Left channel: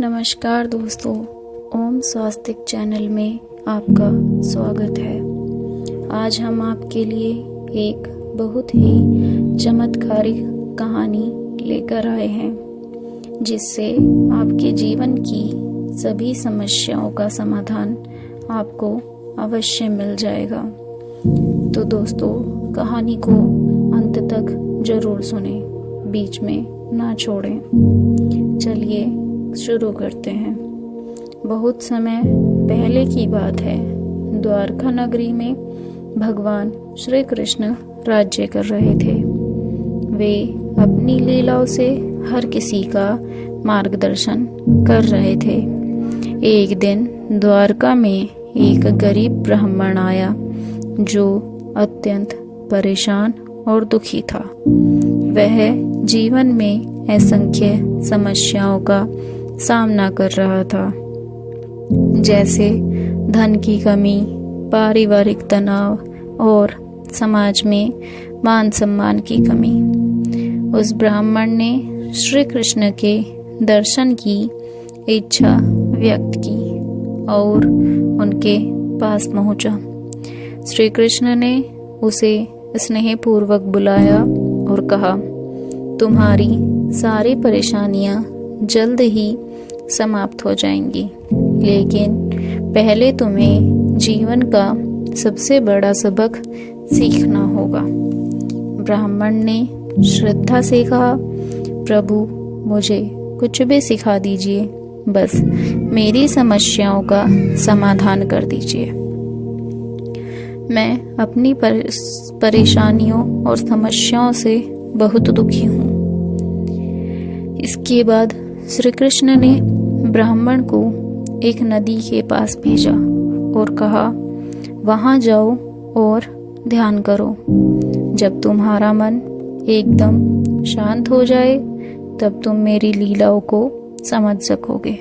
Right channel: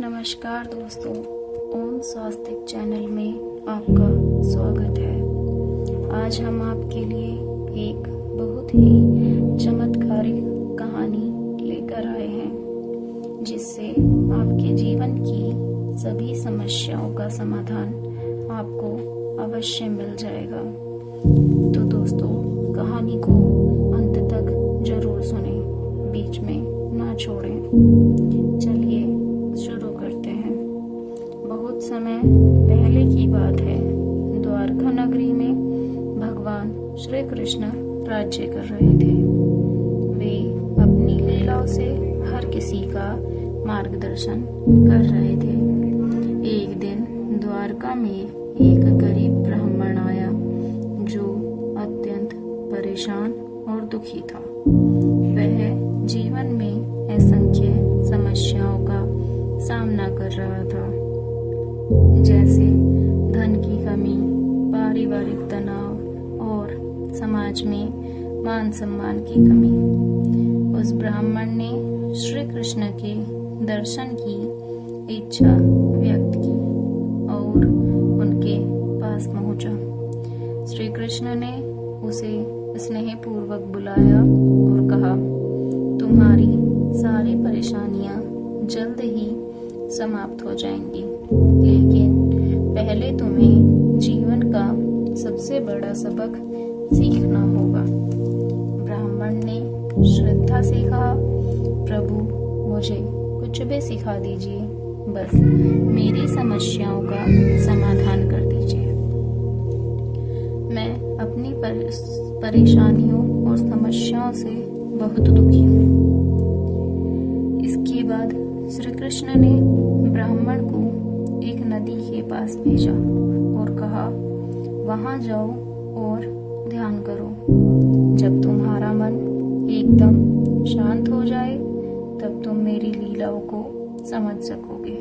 नमस्कार दोस्तों, ओम स्वास्तिक चैनल में आपका स्वागत है। आज हम आपके लिए एक बहुत ही चमत्कारिक कहानी लेकर आए हैं, जिससे आपके जीवन की सभी समस्याओं का समाधान आपको अवश्य मिल जाएगा। तो दोस्तों, कहानी को अंत तक जरूर सुनें, बीच में ना छोड़ें। चलिए शुरू करते हैं। बहुत समय पहले की बात है। द्वारका नगरी में भगवान श्री कृष्ण राज्य कर रहे थे। वे अपनी लीलाओं से हर किसी का मार्गदर्शन कर रहे थे। एक दिन द्वारका में एक गरीब ब्राह्मण आया, जो अत्यंत परेशान और दुखी था। वह जीवन में असंख्य समस्याओं का सामना कर रहा था, जैसे धन की कमी, पारिवारिक तनाव और समाज में मान सम्मान की कमी। उस ब्राह्मण ने श्री कृष्ण के दर्शन की इच्छा व्यक्त की और उनके पास पहुंचा। श्री कृष्ण ने उसे स्नेहपूर्वक बुलाया और कहा, तुम्हारी सारी परेशानियां जल्द ही समाप्त हो जाएंगी, लेकिन पहले तुम्हें जीवन का सबसे बड़ा सबक सीखना होगा। ब्राह्मण ने श्रद्धा से कहा, प्रभु मुझे कुछ भी सिखा दीजिए, बस मेरी समस्याओं का समाधान कर दीजिए। मैं अपनी परेशानियों और समस्याओं से बहुत दुखी हूँ। इसके बाद श्री कृष्ण ने ब्राह्मण को एक नदी के पास भेजा और कहा, वहां जाओ और ध्यान करो। जब तुम्हारा मन एकदम शांत हो जाए, तब तुम मेरी लीलाओं को समझ सकोगे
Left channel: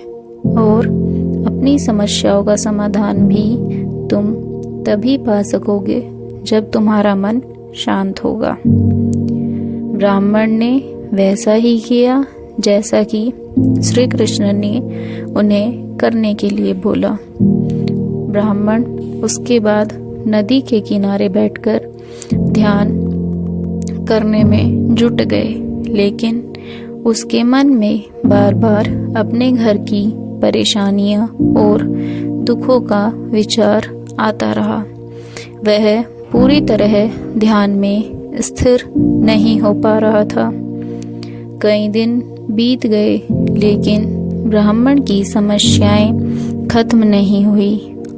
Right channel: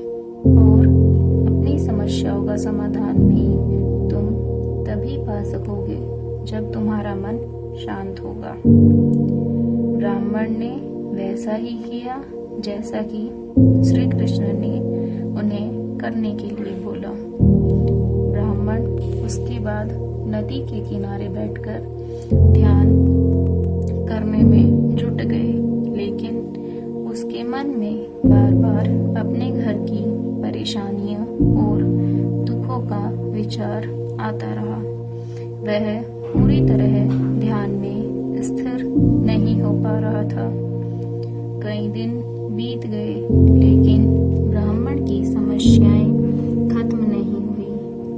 और अपनी समस्याओं का समाधान भी तुम तभी पा सकोगे जब तुम्हारा मन शांत होगा। ब्राह्मण ने वैसा ही किया जैसा कि श्री कृष्ण ने उन्हें करने के लिए बोला। ब्राह्मण उसके बाद नदी के किनारे बैठकर ध्यान करने में जुट गए, लेकिन उसके मन में बार बार अपने घर की परेशानियां और दुखों का विचार आता रहा। वह पूरी तरह ध्यान में स्थिर नहीं हो पा रहा था। कई दिन बीत गए, लेकिन ब्राह्मण की समस्याएं खत्म नहीं हुई।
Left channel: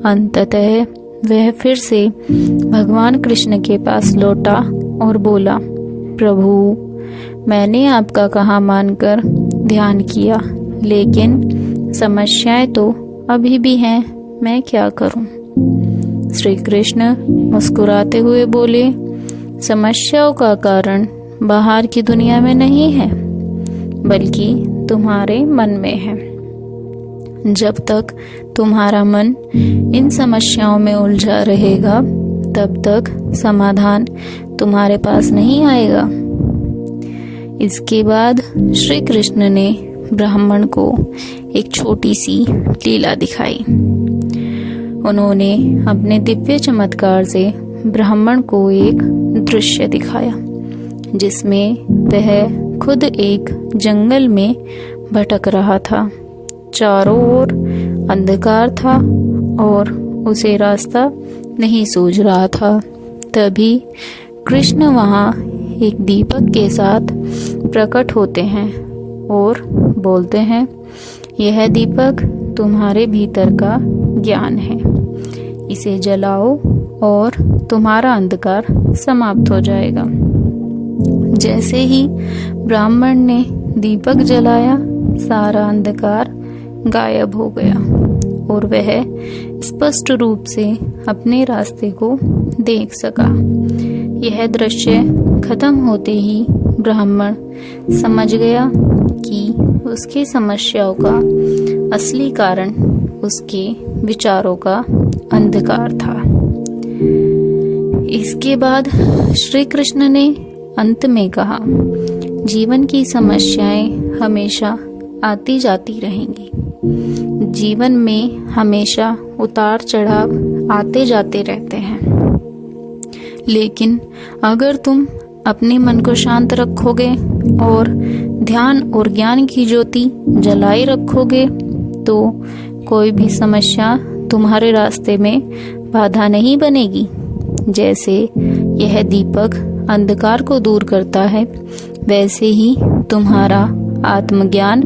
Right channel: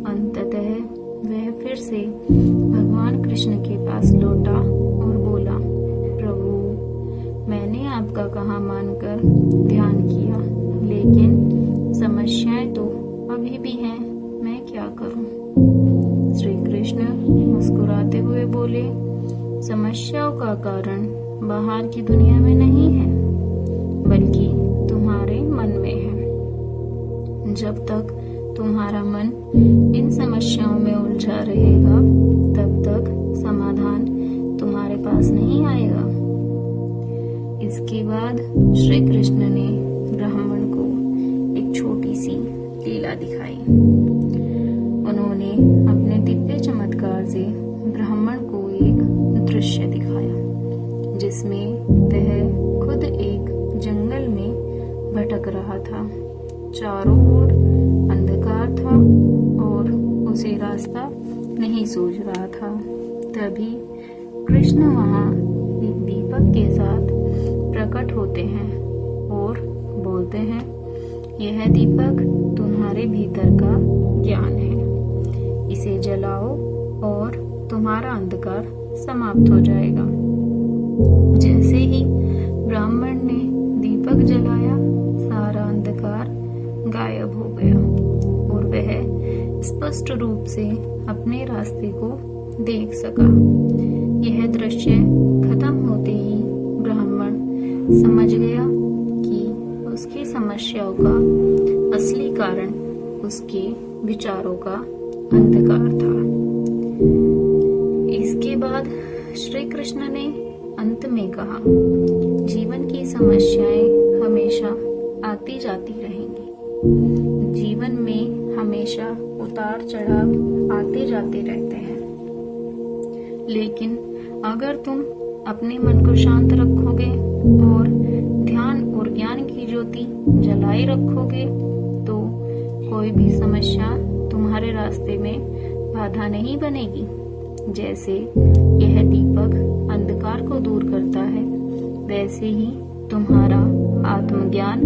अंततः वह फिर से भगवान कृष्ण के पास लौटा और बोला, प्रभु मैंने आपका कहा मानकर ध्यान किया, लेकिन समस्याएं तो अभी भी हैं, मैं क्या करूं? श्री कृष्ण मुस्कुराते हुए बोले, समस्याओं का कारण बाहर की दुनिया में नहीं है, बल्कि तुम्हारे मन में है। जब तक तुम्हारा मन इन समस्याओं में उलझा रहेगा, तब तक समाधान तुम्हारे पास नहीं आएगा। इसके बाद श्री कृष्ण ने ब्राह्मण को एक छोटी सी लीला दिखाई। उन्होंने अपने दिव्य चमत्कार से ब्राह्मण को एक दृश्य दिखाया, जिसमें वह खुद एक जंगल में भटक रहा था। चारों ओर अंधकार था और उसे रास्ता नहीं सूझ रहा था। तभी कृष्ण वहां एक दीपक के साथ प्रकट होते हैं और बोलते हैं, यह दीपक तुम्हारे भीतर का ज्ञान है, इसे जलाओ और तुम्हारा अंधकार समाप्त हो जाएगा। जैसे ही ब्राह्मण ने दीपक जलाया, सारा अंधकार गायब हो गया और वह स्पष्ट रूप से अपने रास्ते को देख सका। यह दृश्य खत्म होते ही ब्राह्मण समझ गया कि उसकी समस्याओं का असली कारण उसके विचारों का अंधकार था। इसके बाद श्री कृष्ण ने अंत में कहा, जीवन की समस्याएं हमेशा आती जाती रहेंगी, जीवन में हमेशा उतार चढ़ाव आते जाते रहते हैं, लेकिन अगर तुम अपने मन को शांत रखोगे और ध्यान और ज्ञान की ज्योति जलाए रखोगे तो कोई भी समस्या तुम्हारे रास्ते में बाधा नहीं बनेगी। जैसे यह दीपक अंधकार को दूर करता है, वैसे ही तुम्हारा आत्मज्ञान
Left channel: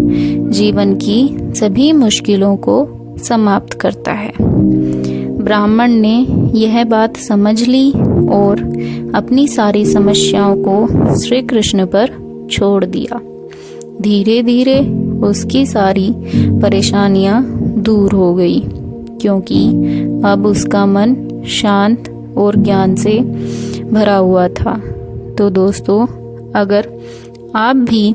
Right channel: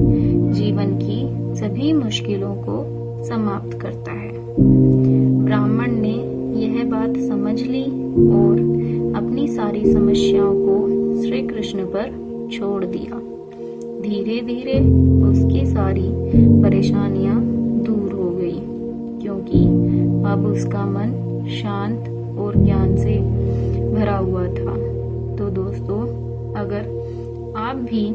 जीवन की सभी मुश्किलों को समाप्त करता है। ब्राह्मण ने यह बात समझ ली और अपनी सारी समस्याओं को श्री कृष्ण पर छोड़ दिया। धीरे धीरे उसकी सारी परेशानियां दूर हो गई, क्योंकि अब उसका मन शांत और ज्ञान से भरा हुआ था। तो दोस्तों, अगर आप भी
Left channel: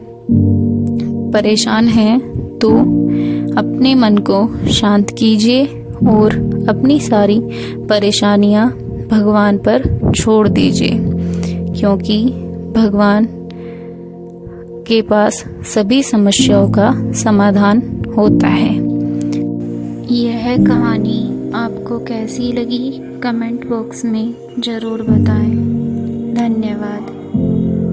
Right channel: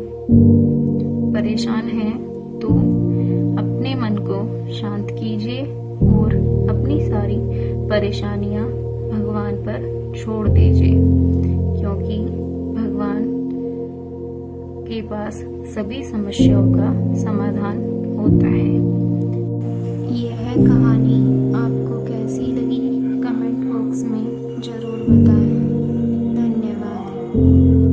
परेशान हैं तो अपने मन को शांत कीजिए और अपनी सारी परेशानियां भगवान पर छोड़ दीजिए, क्योंकि भगवान के पास सभी समस्याओं का समाधान होता है। यह कहानी आपको कैसी लगी कमेंट बॉक्स में ज़रूर बताएं। धन्यवाद।